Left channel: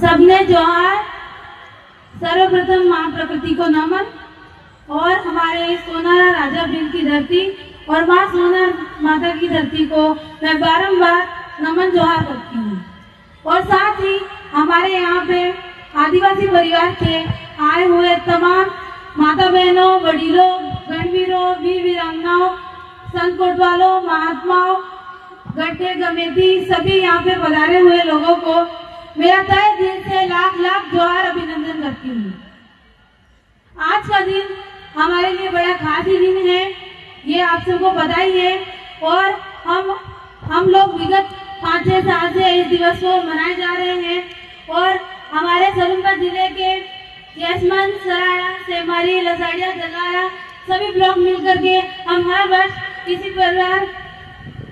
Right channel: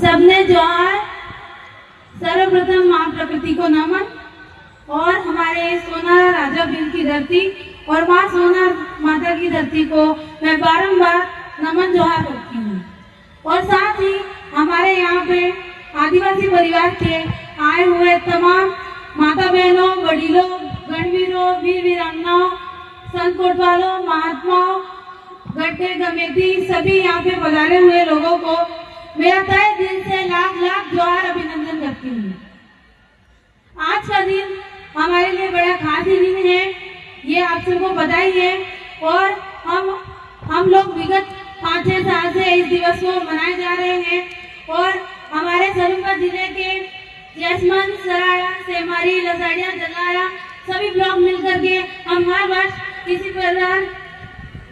सबने जोहार। सर्वप्रथम मां प्रकृति को नमन और हमारे सोना राजा भीम की धरती और मां सोना माता की धरती को मैं बारंबार नमन जोहार करती हूँ। और साथ ही हमारे यहाँ पे आदिवासी परिवार के आए हुए तमाम माता बहनों, वडीलों, गणवीरों, वीर वीरांगनाओं, संत कोटवालों, महात्माओं, गड्ढे गमेती सभी यहाँ पे पधारे हुए लोगों को मेरा तहे दिल से लाख लाख जोहार अभिनंदन करती हूँ। आज का दिन हमारे लिए बड़ा खास दिन है, ये आप सबको पता ही है। और हम लोग विगत 5-6 साल से इस दिवस को मनाए जा रहे हैं। और हमारे सोनभद्र जिले के जैसमंद, सराया, सेमारी, लसाड़िया, जलाया सभी ब्लॉक मिलकर के हम हर वर्ष इसी प्रकार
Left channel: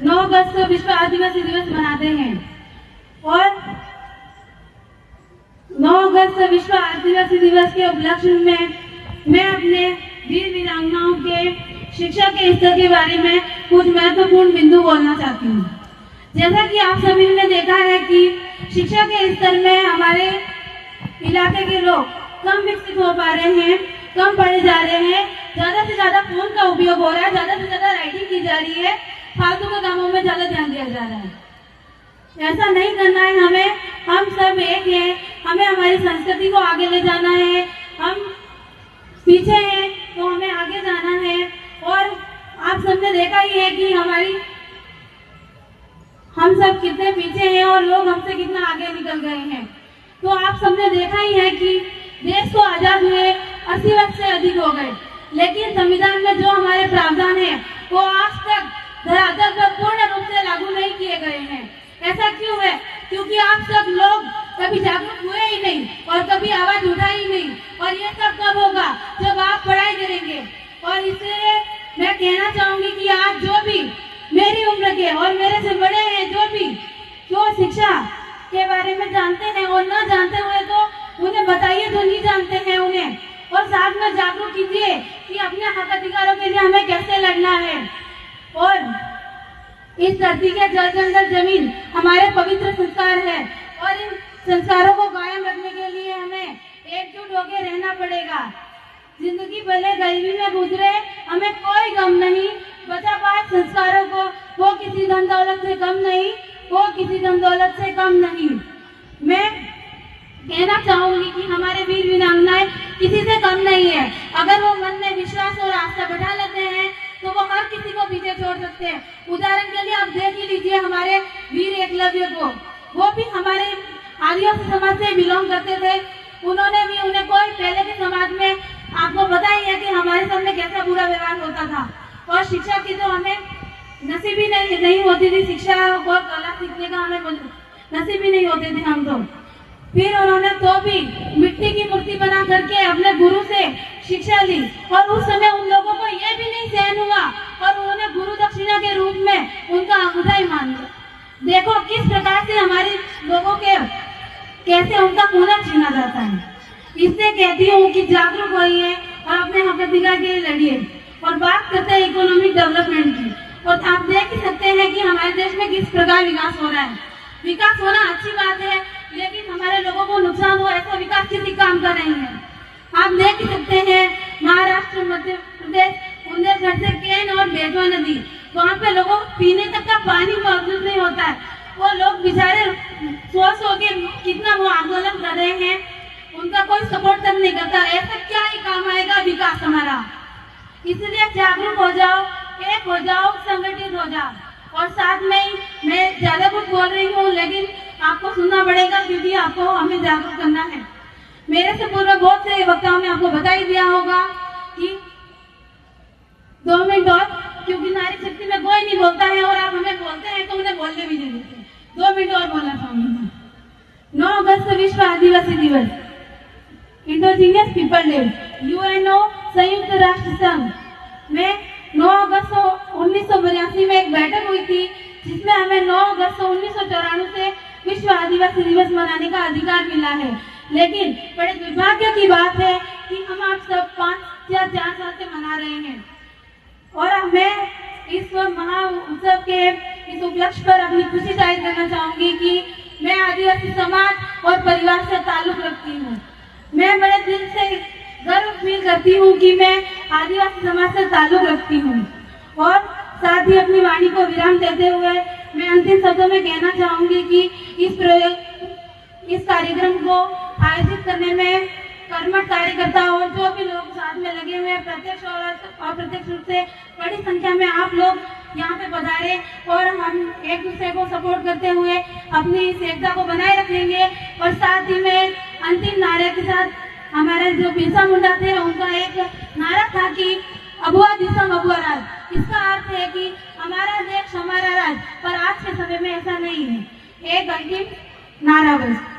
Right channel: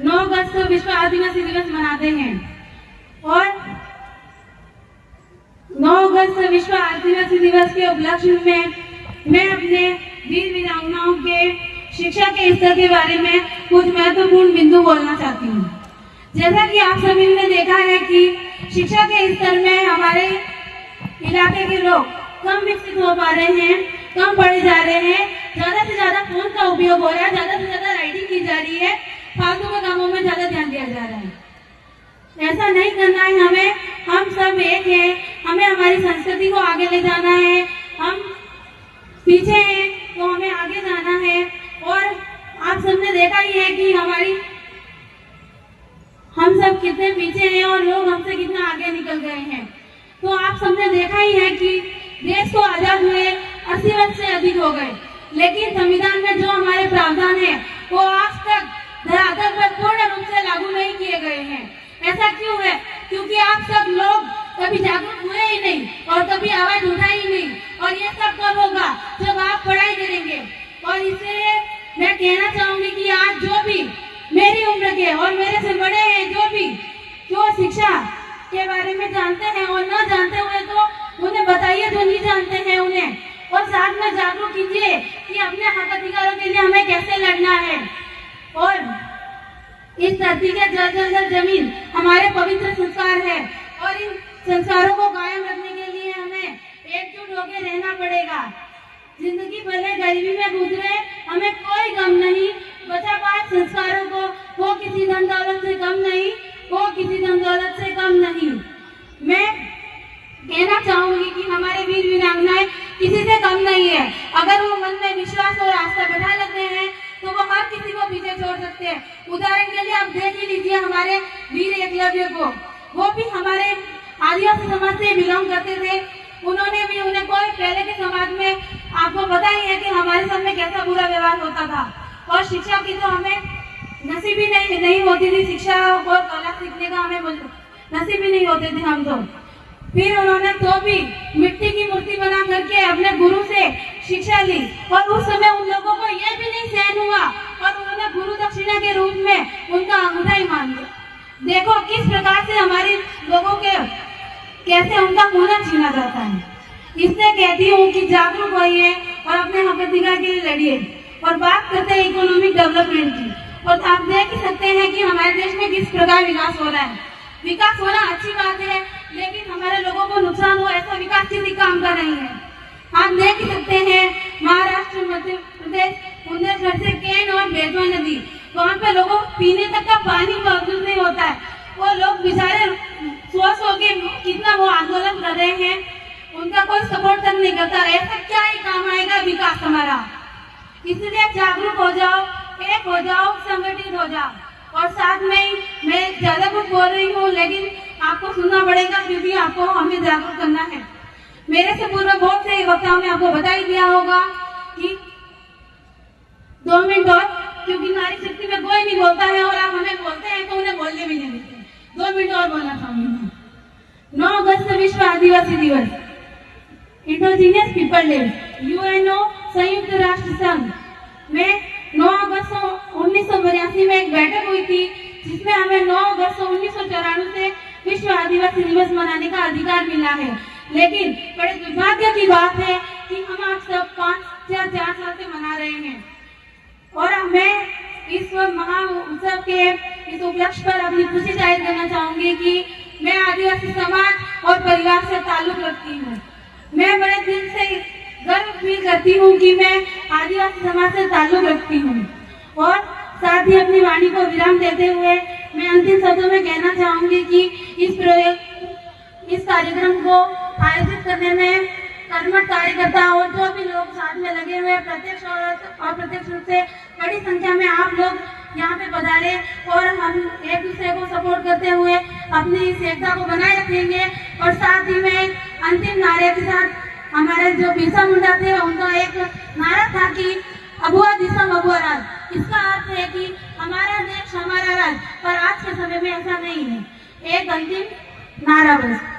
9 अगस्त को विश्व आदिवासी दिवस मनाते हैं। और 9 अगस्त विश्व आदिवासी दिवस के उपलक्ष्य में मैं अपने वीर वीरांगनाओं के शिक्षा के स्तर के बारे में कुछ महत्वपूर्ण बिंदु बोलना चाहती हूँ। जैसा कि आप सभी ने देखा है कि शिक्षा के स्तर में हमारे इलाके के लोग कम विकसित हो पा रहे हैं, कम पढ़े जा रहे हैं, ज्यादा से ज्यादा फोन का उपयोग हो रहा है, ज्यादा से ज्यादा राइटिंग की जा रही है, फालतू के कामों में ज्यादा ध्यान दिया जा रहा है। ऐसा नहीं करना है हमें। हम सब एक हैं, हमें हमारी संस्कृति को आगे ले जाना है। हम पीछे हैं तो हमें आगे जाना है। और आप सबने देखा ही है कि हम सब कितने पीछे हैं और लोग हमसे कितना आगे निकल गए हैं। तो आप सबने देखा ही है कि देश को आजाद हुए 80 वर्ष से अधिक हो गए, लेकिन संविधान में जो हमारे प्रावधान है वो आज तक धरातल पर पूर्ण रूप से लागू नहीं किए गए हैं। ऐसा क्यों है? क्योंकि आप सब लोग कभी जागरूक हुए ही नहीं और कभी आवाज उठाई ही नहीं। और ये सब कब होगा? जब आप पढ़ाई करेंगे। और इसलिए मैं कहना चाहूंगी कि आज जो भी मेरी उम्र के और मेरे से बड़े हैं, जो शिक्षा के बारे में जानते हैं और न जानते हुए तो उन्हें बताइए, जो नहीं जानते हैं उन्हें, और साथ में जागरूक कीजिए कि अपने हक अधिकारों के लिए हमें कैसे लड़ना है। और इस धरती के जल जंगल जमीन हमारे पवित्र संस्कार है और इन संस्कारों को कायम रखने के लिए हमें एकजुट होकर रहना पड़ेगा। जिंदगी भले गरीबी में गुजरे, हमें कोई गम नहीं। बचा पाए संस्कारों को, वो किसी धन दौलत से कम नहीं, वो किसी धन दौलत से कम नहीं। मैं कहना चाहूंगी कि हमारे वीर वीरांगनाएं किसी से कम नहीं है। अगर वो मन में विश्वास और आस्था बढ़ा लेते हैं तो वो हर किसी को पीछे छोड़ सकते हैं। उदाहरण के लिए आप देख ही लीजिए हमारे वीर एकलव्य को। वो भी हमारे आदिवासी समाज से बिलोंग करते थे। उन्हें कोई पहले के समाज में आपको पता ही है कि हमारे सामने कैसा बुरा व्यवहार होता था। और शिक्षा की तो हमें नसीब ही नहीं होती थी। शिक्षा और कला सीखने का हमें नसीब ही नहीं होते थे हम तो। फिर उन्होंने तो भी मिट्टी की मूर्ति बना करके अपने गुरु से शिक्षा ली। और उस समय उन लोगों को यह भी नहीं सहन हुआ और उन्होंने गुरु दक्षिणा के रूप में उनका अंगूठा ही मान लिया। देखो किस प्रकार से हमारे लोगों के कैसे उनका खून छीना जाता है। इसलिए कहती हूँ कि जागरूक होइए और अपने हक अधिकार के लिए लड़िए। और बात करते हैं इकोनॉमिक डेवलपमेंट की, और आप देख ही सकते हैं कि हमारे देश में किस प्रकार विकास हो रहा है। विकास होना अच्छी बात है, लेकिन हमारे लोगों को नुकसान हो ऐसा विकास किसी काम का नहीं है। आप देख ही सकते हैं महाराष्ट्र, मध्य प्रदेश, बुंदेलखंड से केन और बेतवा नदी, वहाँ पे लोगों को पीने तक का पानी मौजूद नहीं होता है। वो लोग बेचारे सो के कितना वो आंदोलन कर रहे हैं, उनका कोई सपोर्ट तक नहीं करता। ऐसा क्या ही काम आएगा विकास हमारा? इसलिए जागरूक हो जाओ, एक हो जाओ, संगठित हो जाओ। और साथ में मैं ज्यादा कुछ बोल रही हूँ, लेकिन आपको सुनना पड़ेगा क्योंकि आपको हमें जागरूक करना है। मेरे से पूर्व बहुत से वक्ताओं ने आपको बता ही दिया होगा कि 2 मिनट और, क्योंकि नारी शक्ति में कोई नहीं बोलता है और आप हमें बोलते हैं तो उन्हें बोलने भी नहीं देते। 2 मिनट और बोलना चाहूंगी। 9 अगस्त विश्व आदिवासी दिवस, इंडिजिनियस पीपल डे, यूएनओ संयुक्त राष्ट्र संघ में 9 अगस्त 1982 में एक बैठक हुई थी, जिसमें हमें 9 अगस्त 1994 से विश्व आदिवासी दिवस मनाने का अधिकार मिला है। लेकिन बड़े दुर्भाग्य की बात है कि हम आप सब 5 या 4 साल से मना रहे हैं। और मैं इस महा उत्सव के इस उपलक्ष्य पर अपनी खुशी जाहिर करना चाहूंगी कि मैं आदिवासी समाज और परिवार से ताल्लुक रखती हूँ। मैं बड़े दिल से गर्व फील करती हूँ कि मैं आदिवासी समाज से ताल्लुक रखती हूँ। और साथ ही अपनी वाणी को विराम देते हुए मैं अंतिम शब्दों में कहना चाहूंगी कि इस कार्यक्रम को आयोजित करने में कर्मठ कार्यकर्ता और जो भी लोग साथ में लगे हुए प्रत्यक्ष और अप्रत्यक्ष रूप से बड़ी संख्या में आप लोग यहाँ पे पधारे और हम एक दूसरे को सपोर्ट करते हुए अपनी इस एकता को बनाए रखेंगे। और साथ ही में अंतिम नारे के साथ हमारे जो बिरसा मुंडा थे उनका एक नारा था कि अगुआ दिसम अगुआ राज। इसका अर्थ है कि हमारा देश हमारा राज, पर आज के समय में ऐसा नहीं है। एक अंतिम नारा बस।